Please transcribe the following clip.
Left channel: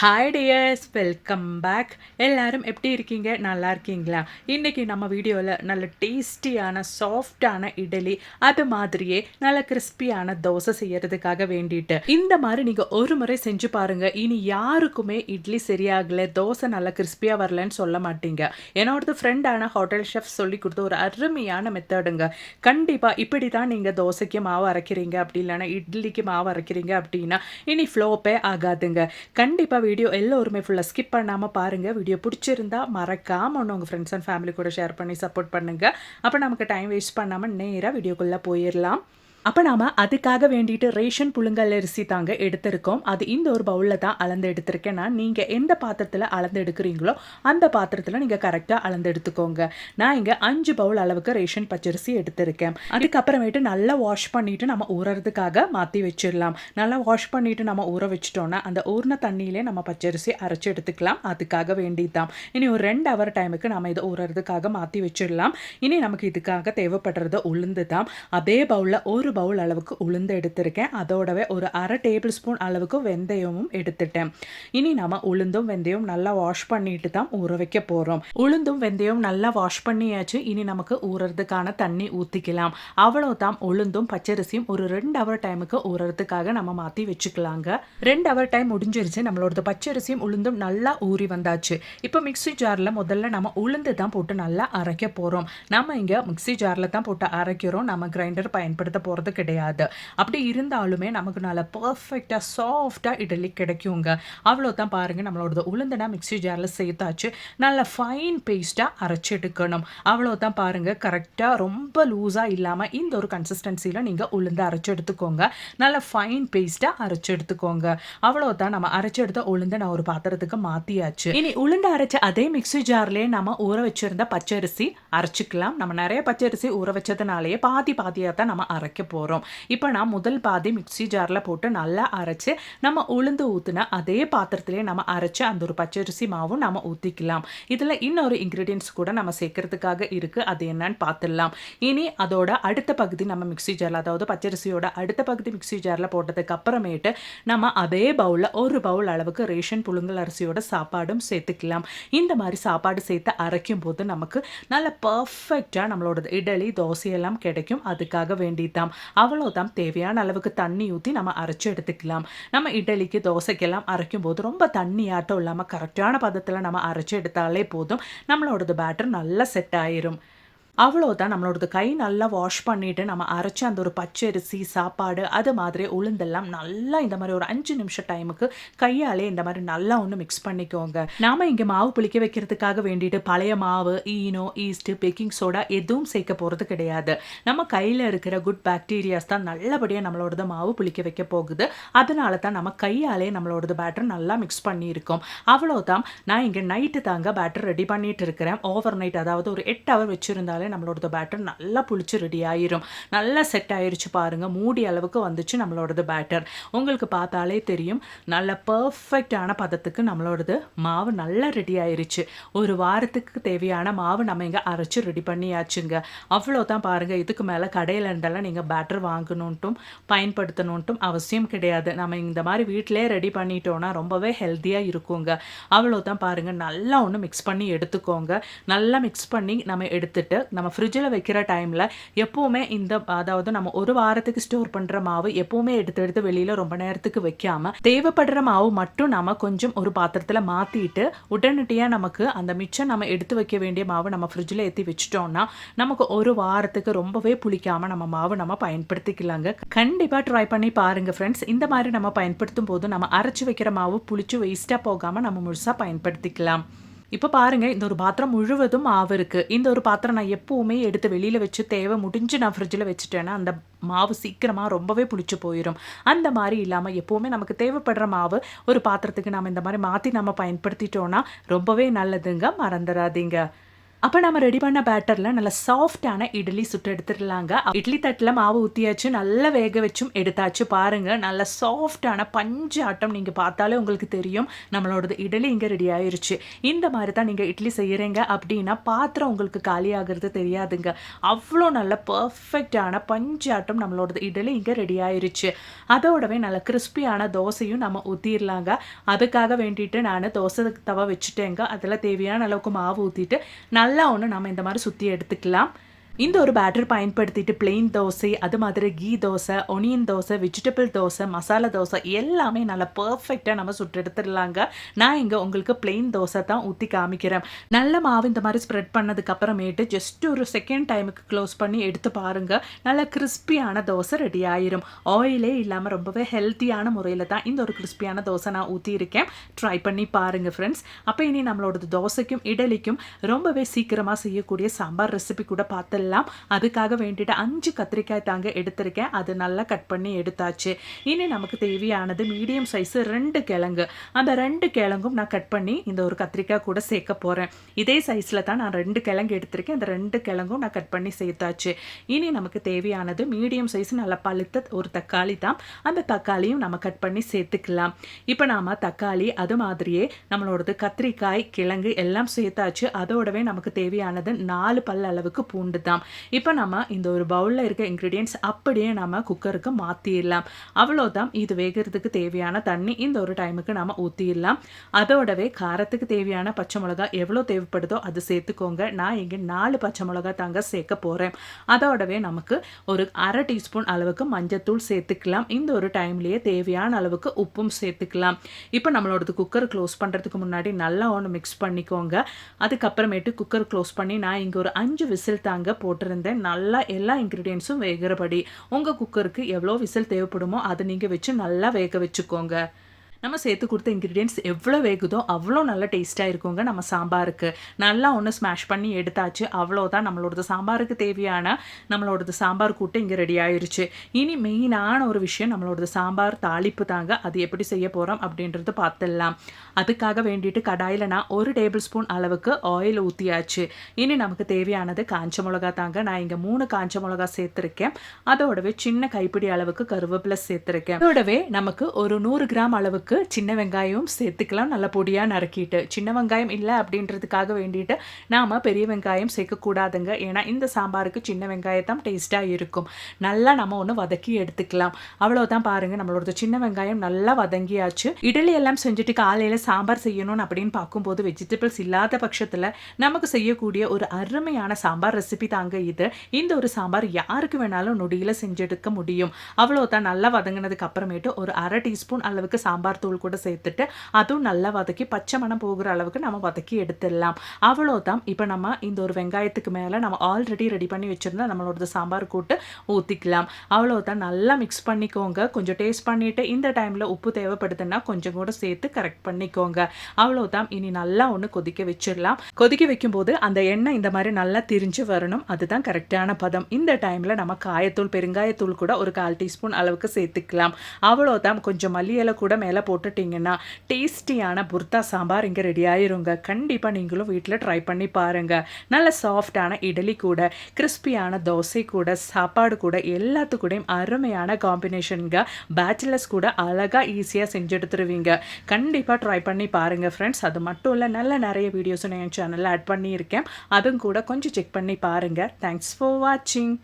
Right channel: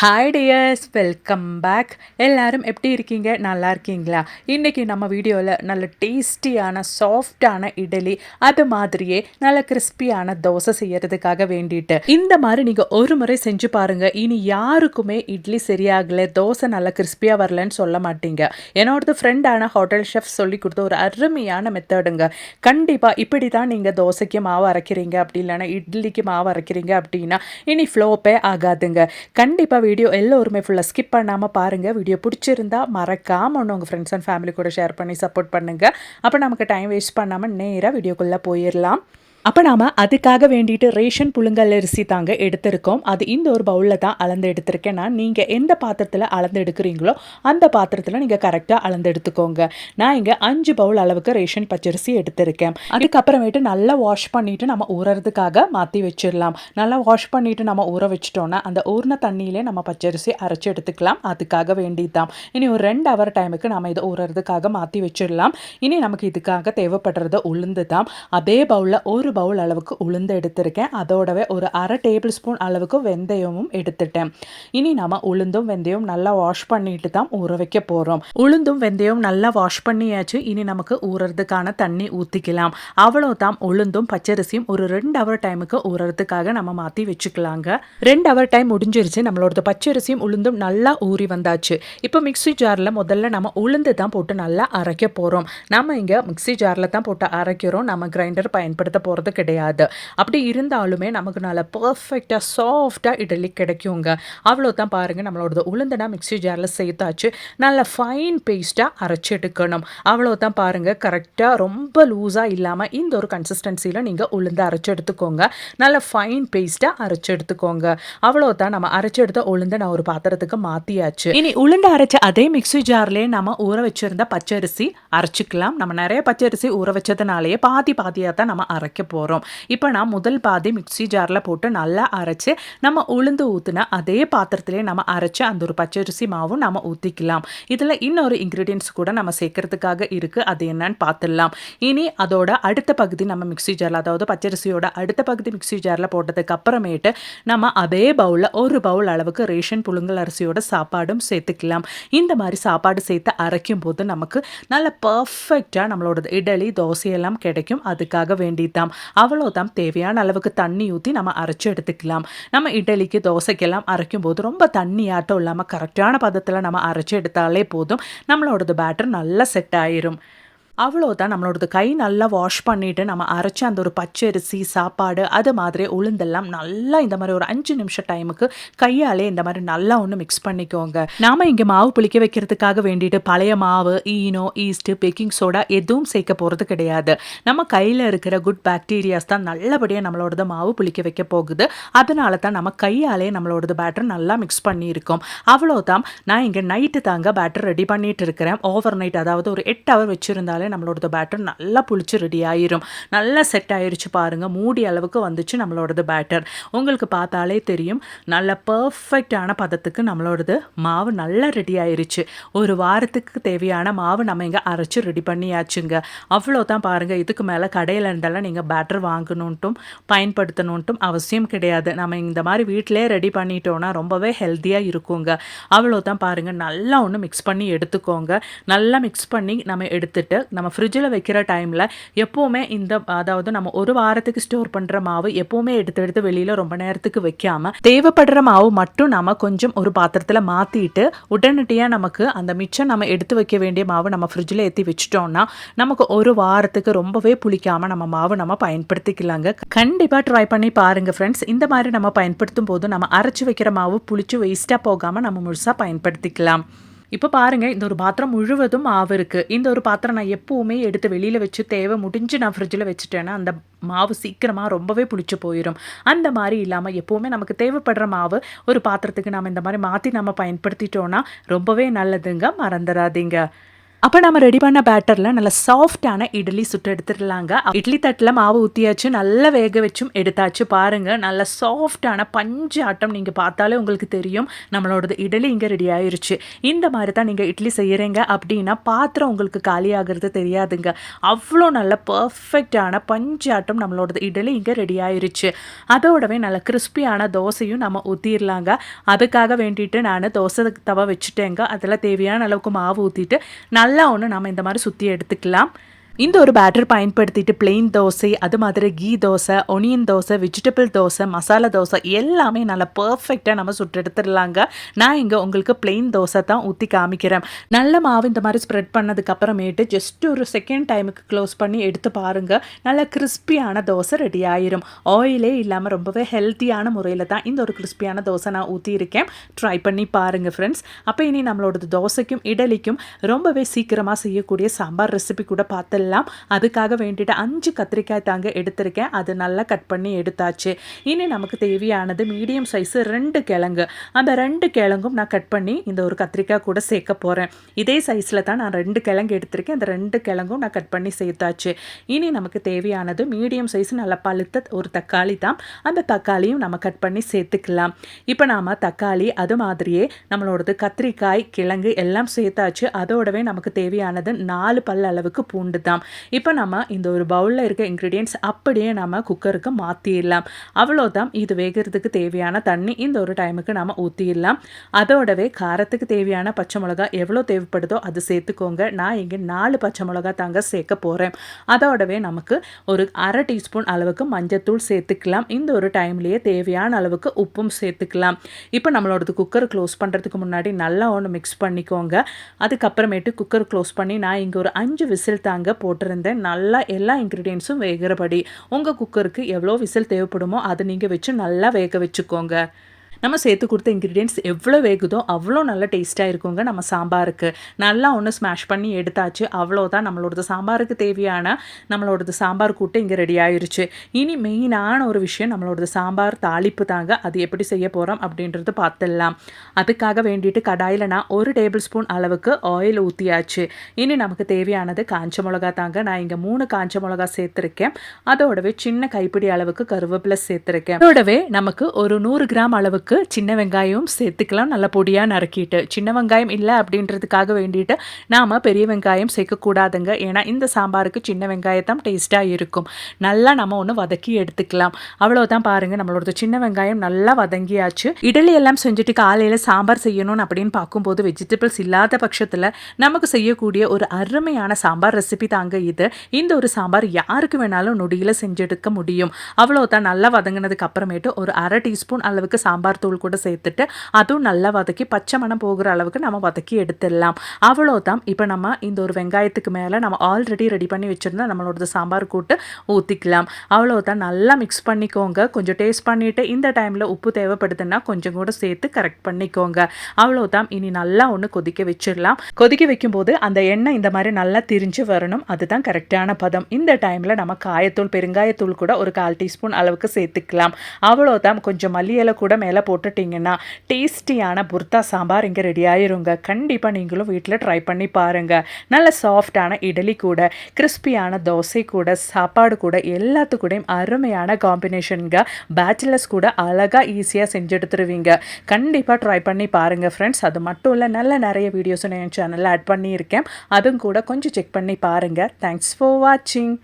Hi tears, welcome back. எல்லாரும் எப்படி இருக்கீங்க? நல்லா இருக்கீங்களா? இன்றைக்கி நம்ம வீடியோவில் நல்ல டேஸ்டியான சாஃப்டான இட்லி, அது மாதிரியே நல்ல கிறிஸ்பியான தோசை செய்யறதுக்காக வேண்டிட்டு இந்த மாதிரி நீங்கள் ஒரு முறை செஞ்சு பாருங்கள். இனி யாருக்குமே இட்லி சரியாகலை, தோசை நல்லா கிறிஸ்பியாக வரலன்னு சொல்ல மாட்டீங்க. என்னோடது ஃப்ரெண்டான ஹோட்டல் ஷெஃப் சொல்லி கொடுத்த ஒரு அருமையான மெத்தடுங்க. கண்டிப்பாக இப்படி தான் நீங்கள் தோசைக்கு மாவு அரைக்கிறீங்க, அப்படி இல்லைன்னா இட்லிக்கு மாவு அரைக்கிறீங்க அப்படின்னா இனி ஃப்ளோப்பே ஆகாதுங்க. கண்டிப்பாக வீடியோ எல்லோருமே ஃபுல்லாக ஸ்கிப் பண்ணாமல் பாருங்கள். வீடியோ பிடிச்சிருந்தா மறக்காமல் ஒன்று உங்கள் ஃப்ரெண்ட்ஸ் அண்ட் ஃபேமிலி கூட ஷேர் பண்ணி சப்போர்ட் பண்ணுங்கள். அப்போ நமக்கு டைம் வேஸ்ட் பண்ணாமல் நேராக வீடியோக்குள்ளே போயிடலாம். அப்போ நாம் அதுக்காக வேண்டிட்டு ரேஷன் புழுங்கல் அரிசி தாங்க எடுத்திருக்கோம். அது இந்த ஒரு பவுலில் தான் அளந்து எடுத்திருக்கேன். நான் நீங்கள் எந்த பாத்திரத்தில் அளந்து எடுக்கிறீங்களோ அந்த பாத்திரத்தில் நீங்கள் கரெக்டாக அளந்து எடுத்துக்கோங்க. நான் இங்கே 5 பவுல் அளவுக்கு ரேஷன் பச்சரிசி எடுத்திருக்கேன். அதுக்கப்புறமேட்டு நல்லா வாஷ் பண்ணிவிட்டு நம்ம ஊறறதுக்காக மாற்றி வச்சிடலாம். நல்லா வாஷ் பண்ணிவிட்டு நம்ம ஊற வச்சிட்டோன்னா அந்த ஊறின தண்ணியிலே நம்ம பச்சரிசி அரைச்சி எடுத்துக்கலாம். அதுக்காக வேண்டிதான் இனி ஒரு 2 ஹவர் டைமுக்கு நம்ம இதை ஊறறதுக்காக மாற்றி வச்சிடலாம். இனி நமக்கு இதுக்காக தேவைப்படுறது உளுந்து தான். அதே பவுலில் ஒரு பவுல் அளவுக்கு உளுந்து எடுத்திருக்கேன். அதோடவே ஒரு 1/2 டேபிள் ஸ்பூன் அளவுக்கு வெந்தயமும் எடுத்துட்டேன். இனி நம்ம உளுந்தும் வெந்தயம் நல்லா வாஷ் பண்ணிட்டு தான் ஊற வைக்க போகிறோம். உளுந்தும் வெந்தயம் நல்லா வாஷ் பண்ணியாச்சு. இனி நமக்கு ஊறறதுக்கான தண்ணி ஊற்றிக்கலாம். அவ்வளோதான். உளுந்தும் பச்சரிசியும் ஒரு 2 ஹவர் டைமுக்கு ஊறறதுக்காக நம்ம மாற்றி வச்சுக்கலாங்க. 2 ஹவர் டைம் முடிஞ்சிருச்சு. நம்மளோட பச்சரிசியும் உளுந்தும் நல்லா ஊறி வந்தாச்சு. இப்போ மிக்சி ஜாரில் முதல்ல நம்ம உளுந்து தான் போட்டு நல்லா அரைக்க போகிறோம். நம்ம இங்கே மிக்சி ஜாரில் தான் போட்டு அரைக்கிறோம். நம்ம கிரைண்டர் பயன்படுத்த போகிறது கிடையாது. அப்படி இருந்தாலுமே நமக்கு நல்ல பர்ஃபெக்டாக சாஃப்டாக இட்லி கிடைக்குங்க. அவ்வளோதான். பாருங்கள், நம்மளோட உளுந்தனா மிக்சி ஜாரில் சேர்த்தாச்சு. நல்ல ஃபைன் பேஸ்ட்டாக அரைச்சி எடுக்கணும். அவ்வளோதான். பாருங்கள், கரெக்டாக ரொம்ப லூஸாக இல்லாமல் இந்த ஒரு கன்சிஸ்டன்சியில் நீங்கள் உளுந்து அரைச்சி எடுத்துக்கோங்க. நல்ல ஃபைன் பேஸ்ட்டாக அரைச்சி எடுத்துக்கோங்க. அவ்வளோதான். நம்ம அரைச்சி எடுத்த உளுந்தை நான் ஒரு பாத்திரத்துக்கு மாற்றியாச்சு. இனி உளுந்து அரைச்ச அதே மிக்சி ஜார்லேயே நம்ம ஊற வச்சிருந்த பச்சரிசி அரைச்சிக்கலாம். நம்ம நிறைய பச்சரிசி ஊற வச்சதுனாலேயே பாதி பாதியாக தான் நம்ம அரைக்க போகிறோம். இப்போ நான் முதல் பாதி மிக்சி ஜாரில் போட்டு நல்லா அரைச்சி நம்ம உளுந்து ஊற்றின அதே பாத்திரத்திலே நம்ம அரைச்சி அந்த ஒரு பச்சரிசி மாவும் நம்ம ஊற்றிக்கலாம். இதில் இன்னொரு இன்க்ரீடியன்ஸ் கூட நம்ம சேர்க்கறதுக்காக இருக்குது. அது என்னன்னு பார்த்துடலாம். இனி அதோட அடுத்த பகுதி நம்ம மிக்சி ஜாரில், அதாவது பச்சரிசியோட அடுத்த பகுதி மிக்சி ஜாரில் போட்டதுக்கு அப்புறமேட்டு நம்ம அதே பவுலில் ஒரு பவுல் அளவுக்கு ரேஷன் புழுங்கல் அரிசியோட சாப்பாடும் சேர்த்துக்கலாம். இந்த மாதிரி சாப்பாடு சேர்த்து அரைக்கும் போது நமக்கு நல்ல பர்ஃபெக்டாக நம்மளோட இட்லி தோசையெல்லாம் கிடைக்கும். அதுக்காக வேண்டிதான். அவ்வளோதான். தேவையான அளவுக்கு தண்ணி ஊற்றி நம்ம அரைச்சி எடுத்துக்கலாம். நம்ம இட்லிக்கு தோசைக்கெல்லாம் அரைக்கும் போது ரொம்ப தண்ணியாட்டம் இல்லாமல் கரெக்டான பதத்தில் நம்ம அரைச்சி எடுத்தாலே போதும். நம்மளோடது பேட்டர் நல்லா செட் ஆயிரும். அவ்வளோதான். நம்மளோடது கை நல்லா வாஷ் பண்ணிவிட்டு நம்ம அரைச்சி அந்த ஒரு பச்சரிசி சாப்பாடு அது மாதிரி உளுந்தெல்லாம் நல்லா இந்த மாதிரி ஒரு 5 நிமிஷம் டைமுக்கு கையாலே இந்த மாதிரி நல்லா ஒன்று மிக்ஸ் பண்ணிக்கோங்க. நாம் இங்கே மாவு புளிக்க வைக்கிறதுக்காக வேண்டிட்டு பழைய மாவு, ஈனோ, ஈஸ்ட்டு, பேக்கிங் சோடா எதுவும் சேர்க்க போகிறது கிடையாது. நம்ம கையில் இருக்கிற குட் பாக்டீரியாஸ் தான் நல்லபடியாக நம்மளோடது மாவு புளிக்க வைக்க போகுது. அதனால தான் நம்ம கையாலே நம்மளோடது பேட்டர் நல்லா மிக்ஸ் பண்ணியிருக்கோம். அவ்வளோதான். நான் இங்கே நைட்டு தாங்க பேட்டர் ரெடி பண்ணிட்டு இருக்கிறேன். ஓவர் நைட், அதாவது ஒரு 8 ஹவர் வச்சுருந்தாலே நம்மளோட பேட்டர் நல்லா புளிச்சு ரெடி ஆயிரும். நல்லா செட் ஆயிருச்சு. பாருங்க, மூடி அளவுக்கு வந்துச்சு நம்மளோடது பேட்டர். உங்களுக்கு பார்த்தாலே தெரியும் நல்ல பர்ஃபெக்டான பதத்துக்கு நம்மளோடது மாவு நல்லா ரெடி ஆயிருச்சு. ஒரு வாரத்துக்கு தேவையான மாவு நம்ம இங்கே அரைச்சி ரெடி பண்ணியாச்சுங்க. அவ்வளோதான். பாருங்கள், இதுக்கு மேலே கடையில் இருந்தெல்லாம் நீங்கள் பேட்டர் வாங்கணுன்ட்டும் பயன்படுத்தணுன்ட்டும் அவசியம் கிடையாது. நம்ம இந்த மாதிரி வீட்டிலே ரெடி பண்ணிட்டோன்னா ரொம்பவே ஹெல்த்தியாக இருக்குங்க. அவ்வளோதான். பாருங்கள், நல்லா ஒன்று மிக்ஸ் பண்ணி எடுத்துக்கோங்க. நல்லா மிக்ஸ் பண்ணி நம்ம எடுத்துட்டு நம்ம ஃப்ரிட்ஜில் வைக்கிற டைமில் எப்போவுமே அதாவது நம்ம ஒரு வாரத்துக்கு ஸ்டோர் பண்ணுற மாவு எப்போவுமே எடுத்து வெளியில் ரொம்ப நேரத்துக்கு வைக்காமல் தேவைப்படுற மாவு மட்டும் நம்ம கொஞ்சம் ஒரு பாத்திரத்தில் மாற்றிட்டு உடனடியாக நமக்கு அந்த மிச்சம் நம்ம எடுத்து வைக்க வேண்டிய மாவு நம்ம ஃப்ரிட்ஜில் ஏற்றி வச்சிட்டோம்னா நமக்கு ஒரு வாரத்துக்கு ரொம்பவே புளிக்காமல் நம்ம மாவு நம்ம பயன்படுத்திக்கலாங்க. கண்டிப்பாக ட்ரை பண்ணி பாருங்கள் ஃப்ரெண்ட்ஸ். இந்த மாதிரி நம்ம பயன்படுத்தும் போது நம்ம அரைச்சி வைக்கிற மாவு புளிச்சு வேஸ்ட்டாக போகாமல் நம்ம முழுசாக பயன்படுத்திக்கலாம். இப்போ பாருங்கள், இந்த ஒரு பாத்திரம் முழுவதும் மாவு இருக்குது. இந்த ஒரு பாத்திரம் நான் எப்போவுமே எடுத்து வெளியில் வச்சு தேவை முடிஞ்சு நான் ஃப்ரிட்ஜில் வச்சுட்டேன்னா அந்த மாவு சீக்கிரமாக ரொம்பவே புளிச்சு போயிடும். அந்த மாதிரி இல்லாமல் எப்போவுமே நமக்கு தேவைப்படுற மாவு ஒரு பாத்திரத்துக்கு நம்ம இந்த மாதிரி மாற்றி நம்ம பயன்படுத்திட்டோன்னா ரொம்பவே நல்லதுங்க. மறந்துடாதீங்க. அப்போ நம்ம ரெடி பண்ண பேட்டரில் நல்ல சாஃப்டான இட்லி சுட்டு எடுத்துடலாங்க. இட்லி தட்டில் மாவு ஊற்றியாச்சு, நல்லா வேக வச்சும் எடுத்தாச்சு. பாருங்கள், நல்ல சாஃப்டான பஞ்சு ஆட்டம். நீங்கள் பார்த்தாலே உங்களுக்கு தெரியும் நம்மளோடது இட்லி இங்கே ரெடி ஆயிருச்சு. இந்த மாதிரி தான் நீங்கள் இட்லி செய்கிறீங்க அப்படின்னா பாத்திரம் உங்களுக்கு காலியாகிறது தெரியாதுங்க. அவ்வளோ நல்ல பர்ஃபெக்டான பஞ்சு ஆட்டம் நம்மளோடது இட்லி இங்கே ரெடி ஆயிருச்சு. அதோடவே நல்ல கிறிஸ்பியான தோசையும் நம்ம ஊற்றிடலாங்க. அதுக்காக வேண்டிட்டு நான் தோசை தவா வச்சுட்டேங்க. அதில் தேவையான அளவுக்கு மாவு ஊற்றிட்டு நல்லா ஒன்று நம்ம இந்த மாதிரி சுற்றி எடுத்துக்கலாம். இந்த ஒரு பேட்டர் பயன்படுத்திட்டு பிளெயின் தோசை, அது மாதிரி கீ தோசை, ஒனியன் தோசை, வெஜிடபிள் தோசை, மசாலா தோசை எல்லாமே நல்லா பர்ஃபெக்டாக நம்ம சுட்டு எடுத்துடலாங்க. நான் இங்கே உங்களுக்கு பிளெயின் தோசை தான் ஊற்றி காமிக்கிறேன். நல்ல மாவு இந்த மாதிரி ஸ்ப்ரெட் பண்ணதுக்கு அப்புறமேட்டு ஜஸ்ட் ஒரு செகண்ட் டைமுக்கு க்ளோஸ் பண்ணி எடுத்து பாருங்கள். நல்ல கிறிஸ்பியான தோசை ரெடி ஆயிரும். ஆயிலே இல்லாமல் ரொம்பவே ஹெல்த்தியான முறையில் தான் இந்த ஒரு கிறிஸ்பியான தோசை நான் ஊற்றியிருக்கேன். ட்ரை பண்ணி பாருங்கள் ஃப்ரெண்ட்ஸ். அப்போ இனி நம்மளோட தோசைக்கும் இட்லிக்கும் ரொம்பவே சீக்கிரமாக செய்யக்கூடிய சாம்பார் ரெசிபி கூட பார்த்து அதுக்காக வேண்டிட்டு 5 கத்திரிக்காய் தாங்க எடுத்திருக்கேன். அது நல்லா கட் பண்ணி எடுத்தாச்சு. இனி நமக்கு தேவையானது மீடியம் சைஸ் 2 கிழங்கு. அந்த 2 கிழங்கும் நான் கட் பண்ணி இந்த ஒரு கத்திரிக்காய் கூட சேர்க்க போகிறேன். இதே சைஸில் தான் நான் 2 கிழங்கு எடுத்திருக்கேன். அந்த 2 கிழங்கும் நான் கட் பண்ணி சேர்த்தாச்சு. இனி நமக்கு தேவையானது மீடியம் சைஸ் நல்லா பழுத்த ஒரு தக்காளி தான். அந்த தக்காளியும் நம்ம கட் பண்ணி சேர்த்துக்கலாம். இப்போ நாம் தக்காளி அது மாதிரியே நம்மளோடது கத்திரிக்காய், கிழங்கு எல்லாம் சேர்த்தாச்சு. அதோடவே நமக்கு தேவையானது 4 பல் அளவுக்கு பூண்டு தான். இப்போ நம்ம இந்த ஒரு பவுலில் இருக்க இன்க்ரீடியன்ட்ஸ் அப்படியே நம்ம குக்கருக்கு மாற்றிடலாம். அவ்வளோதான். இது வேகிறதுக்கு தேவையான தண்ணி இந்த ஒரு டைமுக்கு நம்ம ஊற்றிடலாம். அதோடவே காரத்துக்கு தேவையான பச்சை மிளகா எவ்வளோ தேவைப்படுதோ அது சேர்த்துக்கோங்க. நான் இங்கே 4 பச்சை மிளகா தாங்க சேர்க்க போகிறேன். அதோடவே நமக்கு ஒரு 1/2 டீஸ்பூன் அளவுக்கு மஞ்சத்தூள் சேர்த்துக்கலாம். இந்த ஒரு டைம்லேயே தேவையான அளவுக்கு உப்பும் சேர்த்துக்கலாம். இப்போ நம்மளோடது குக்கர் க்ளோஸ் பண்ணுறதுக்கு முன்னாடி நல்லா ஒன்று மிக்ஸ் பண்ணிக்கோங்க. அதுக்கப்புறமேட்டு குக்கர் க்ளோஸ் பண்ணி நான் இங்கே ஒரு 5 விசில் தாங்க போட்டிருந்தேன். நல்லா எல்லா இன்க்ரீடியன்ஸும் வேகிறபடி உங்கள் குக்கருக்கு எவ்வளோ விசில் தேவைப்படுமோ அதை நீங்கள் வச்சு நல்லா வேக வச்சுக்கோங்க. நம்ம சேர்த்து கொடுத்த இன்க்ரீடியன்ட்ஸ் எவ்வளோ வேகுதோ அவ்வளோ நல்ல டேஸ்ட்டாக இருக்குங்க நம்ம சாம்பாருக்கு. நல்லா ஒன்று ஸ்மாஷ் பண்ணி எடுத்தாச்சு. அவ்வளோதான், நம்மளோடது சாம்பாருக்கு தேவையான நம்மளோடது சாம்பார் கூட்டு இங்கே ரெடி ஆயிடுச்சு. இனி மெயினான ஒரு விஷயம் நம்மளோடது சாம்பார் தாளிப்பு தாங்க. அது எப்படி செய்ய போகிறோம் அப்படின்றது பார்த்துடலாம். அதுக்காக வேண்டிட்டு கடாயில் நான் 1 டேபிள் ஸ்பூன் அளவுக்கு ஆயில் ஊற்றியாச்சு. இனி நமக்கு தேவையானது காஞ்ச மிளகா தாங்க. நான் இங்கே 3 காஞ்ச மிளகா சேர்த்துருக்கேன். அதோடவே சின்ன கைப்பிடி அளவுக்கு கருவேப்பிலை சேர்த்துருக்கேன். அதோடவே நமக்கு ஒரு 100 கிராம் அளவுக்கு சின்ன வெங்காயம் சேர்த்துக்கலாம். நல்லா பொடியாக நறுக்கிட்டு. சின்ன வெங்காயம் இல்லை அப்படின்றதுக்காக வேண்டிட்டு நாம் பெரிய வெங்காயம் சேர்க்கக்கூடாதுங்க. ஏன்னா இந்த சாம்பாருக்கு சின்ன வெங்காயத்தான் டேஸ்ட்டாக இருக்கும். நல்லா நம்ம ஒன்று வதக்கி எடுத்துக்கலாம். அவ்வளோதான். பாருங்கள், நம்மளோட சின்ன வெங்காயம் நல்லா வதங்கியாச்சு. இட்லி எல்லாம் செஞ்சுட்டு காலையில் சாம்பார் செய்யணும் அப்படின்னு பார்க்கும்போது வெஜிடபிள்ஸ் இல்லாத பட்சத்தில் நமக்கு செய்யக்கூடிய ஒரு அருமையான சாம்பார் ரெசிபி தாங்க இது. இந்த ஒரு சாம்பார் யாருக்கு வேணாலும் நொடியில் செஞ்செடுக்க முடியும். அவ்வளோதான். நல்லா வதங்கினதுக்கு அப்புறமேட்டு ஒரு 1/2 டீஸ்பூன் அளவுக்கு சாம்பார் தூள் கூட சேர்த்துட்டு அதுவும் நல்லா வதக்கி பச்சை மணம் போகிற அளவுக்கு நம்ம வதக்கி எடுத்துடலாம். அவ்வளோதான். இப்போ நம்ம இந்த ஒரு வெங்காயத்துக்கு மேலே நம்ம ஆல்ரெடி ரெடி பண்ணி வச்சுருந்தா நம்மளோட சாம்பார் கூட்டு ஊற்றிக்கலாம். அவ்வளோதான். நல்லா மிக்ஸ் பண்ணிக்கோங்க. கொஞ்சம் டேஸ்ட் பண்ணிவிட்டு இந்த டைமில் உப்பு தேவைப்படுதுன்னா கொஞ்சம் கூட சேர்த்து கரெக்ட் பண்ணிக்கோங்க. அவ்வளோதான். இனி நல்லா ஒன்று கொதிக்க வச்சிடலாம். கொதிக்க வைக்கும்போது அந்த எண்ணெய் இந்த மாதிரி நல்லா திரிஞ்சு வரணும். அதுதான் கரெக்டான பதம். இந்த டைமில் நம்ம காயத்தூள், பெருங்காயத்தூள் கூட ஒரு 1/4 டீஸ்பூன் அளவுக்கு சேர்த்துக்கலாம். அவ்வளோதான். கொஞ்சம் மல்லி இலை கூட மேலே போட்டுட்டிங்கன்னா டேஸ்டியான புர்தா சாம்பார் இங்கே ரெடி ஆயிருங்க. கண்டிப்பாக நீங்களும் வீட்டில் ட்ரை பண்ணி பாருங்கள். நல்ல சாஃப்டான இட்லி கூட, கிறிஸ்பியான தோசை கூட, சாப்பாடு கூட எல்லாத்துக்கூடையும் அருமையான காம்பினேஷனுங்க. பேச்சுலர்ஸ் கூட அழகாக ஈஸியாக செஞ்செடுத்துருவீங்க. கண்டிப்பாக ட்ரை பண்ணி பாருங்கள் ஃப்ரெண்ட்ஸ். அது மட்டும் இல்லை, நல்ல நிறைய வீடியோஸும் என் சேனலில் ஆட் பண்ணியிருக்கேன். அதுவும் கூட கொஞ்சம் செக் பண்ணி பாருங்கள். தேங்க்ஸ் ஃபார் வாட்சிங்.